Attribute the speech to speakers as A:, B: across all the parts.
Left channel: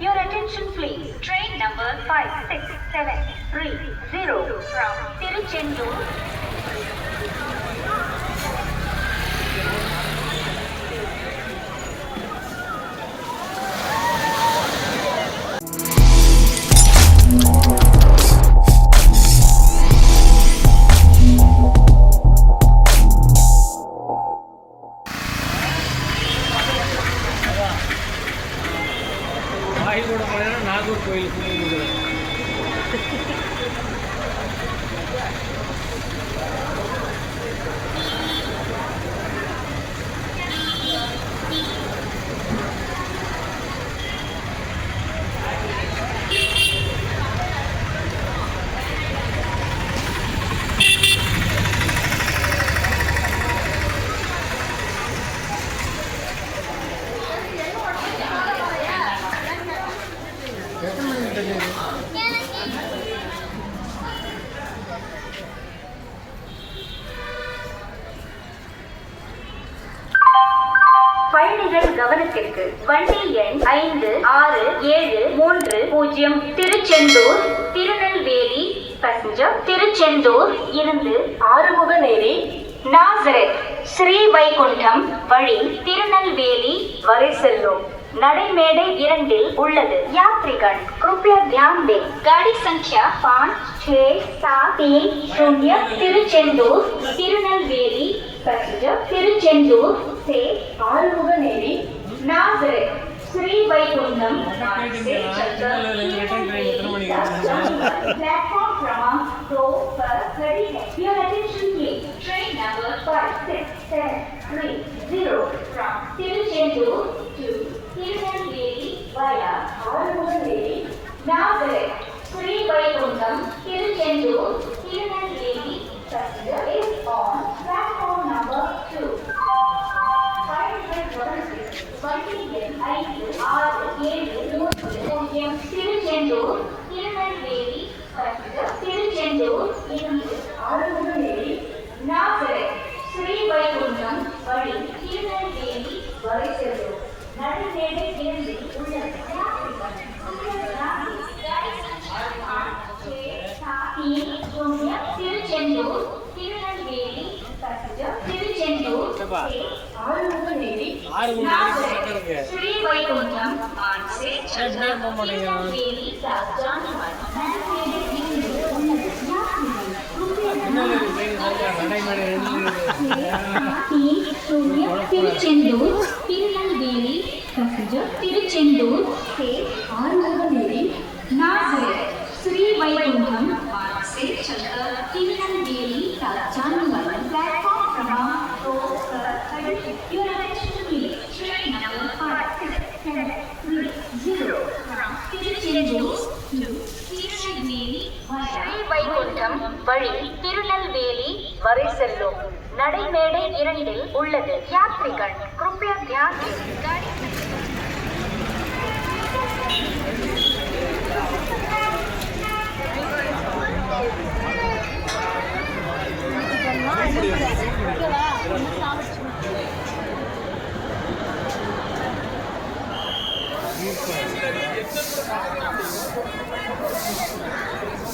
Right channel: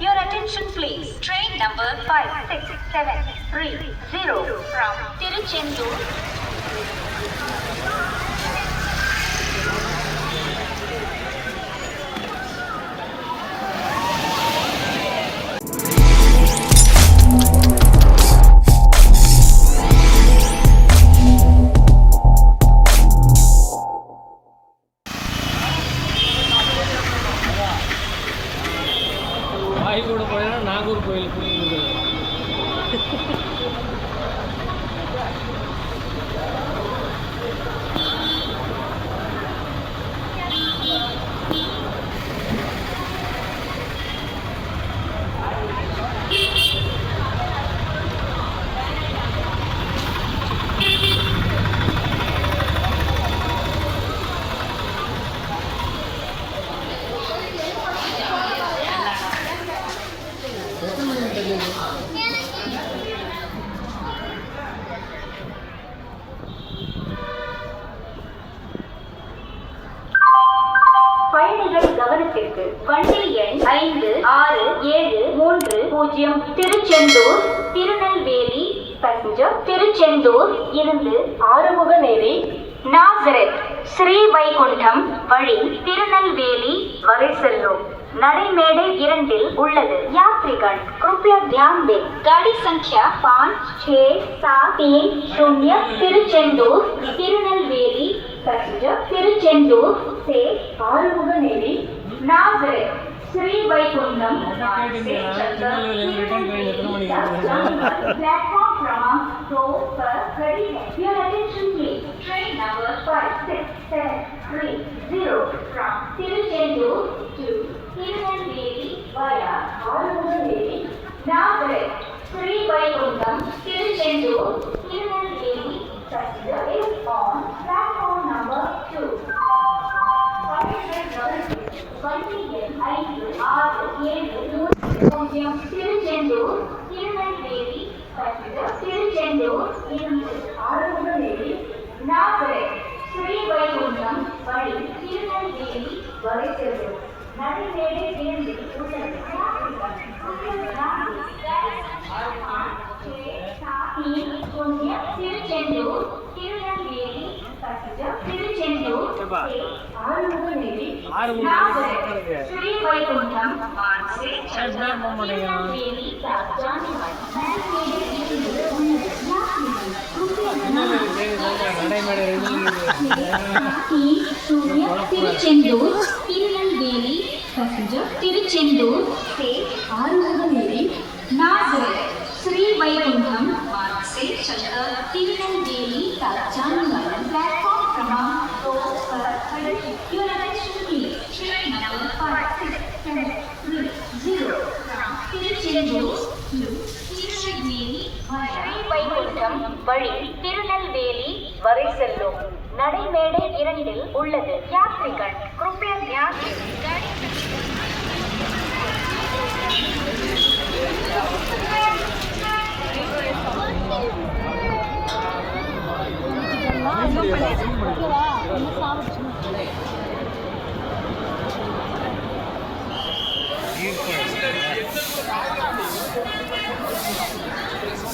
A: Your attention please. Train number 567330 from Tiruchendur
B: கோயில் கூட போனீங்கன்னா நாகூர் கோயிலுக்கு
A: பூஜ்ஜியம் திருச்செந்தூர் திருநெல்வேலி பசஞ்சர் திருச்செந்தூர் இருந்து ஆறுமுகநேரி நாசரத் ஸ்ரீ வைகுண்டம் வழி திருநெல்வேலி வரை செல்லும் நடைமேடை இரண்டில் உள்ளது यात्रीगण कृपया ध्यान दें गाड़ी संख्या पाँच छः सात तीन शून्य तिरुचेंदूर तिरुनेलवेली पैसेंजर तिरुचेंदूर से आरुमुगनेरी नाजरेथ श्री वैकुंठम से चक्कर प्लेटफॉर्म क्रमांक दो पर खड़ी है your attention please train number five six seven three zero from Tiruchendur to Tirunelveli via Arumuganeri now correct Sri Vaikuntam Tiruchendur Tirunelveli passenger is on platform number two. Five hundred dollars.
B: Continue. இது பேரு சொல்றேன், நடைமேடை
A: Tiruchendur Tirunelveli passenger Tiruchendur से ஆறுமுகநேரி நாகரத் ஸ்ரீ வைகுண்டம் से चक्कर திருநெல்வேலி राजधानी platform क्रमांक दो पर தமிழகம் வழி திருநெல்வேலி வரை செல்லும் நடைமேடை இரண்டில் உள்ளது யாத்ரிகள் கிருப்பயா Thank
B: you.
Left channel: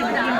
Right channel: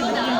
B: 감사합니다.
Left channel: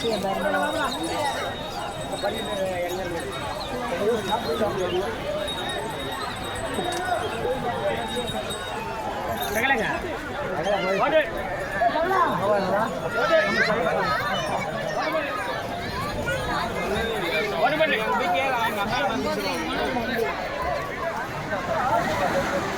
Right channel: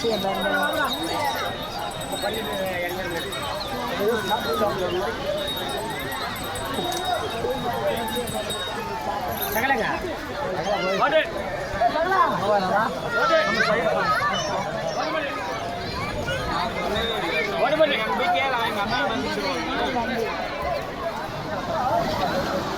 C: சொல்லிட்டு பார்த்து ம்